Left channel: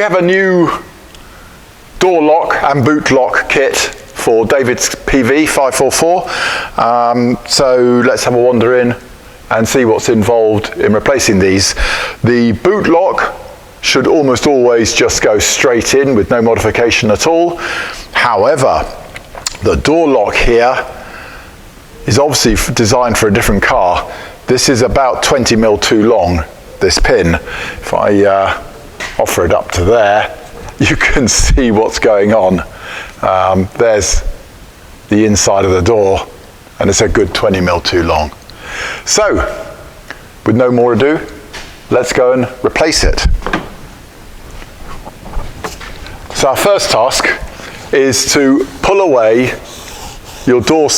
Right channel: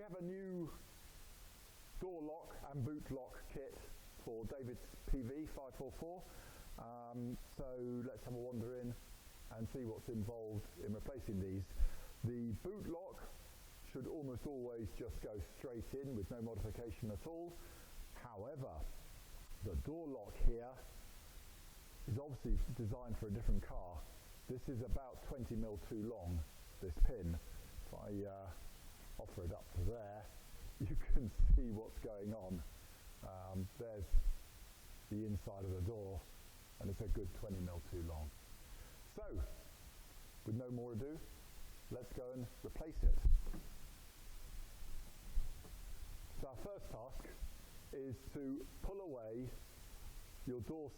We have a new door lock and boot lock kit for David's PV544. So let's have a wander in and see what's involved in replacing these. The boot lock should almost always just go straight in with no modification at all. However, the door lock here is obviously designed for a different car. This is about 20 mil too long, this pin. If I offer it up to there, you can see what's going on. There's the inside of the door, and it's a good 20 mil too long. So, with no more ado, let's go and replace it. So our first task is to pull away your door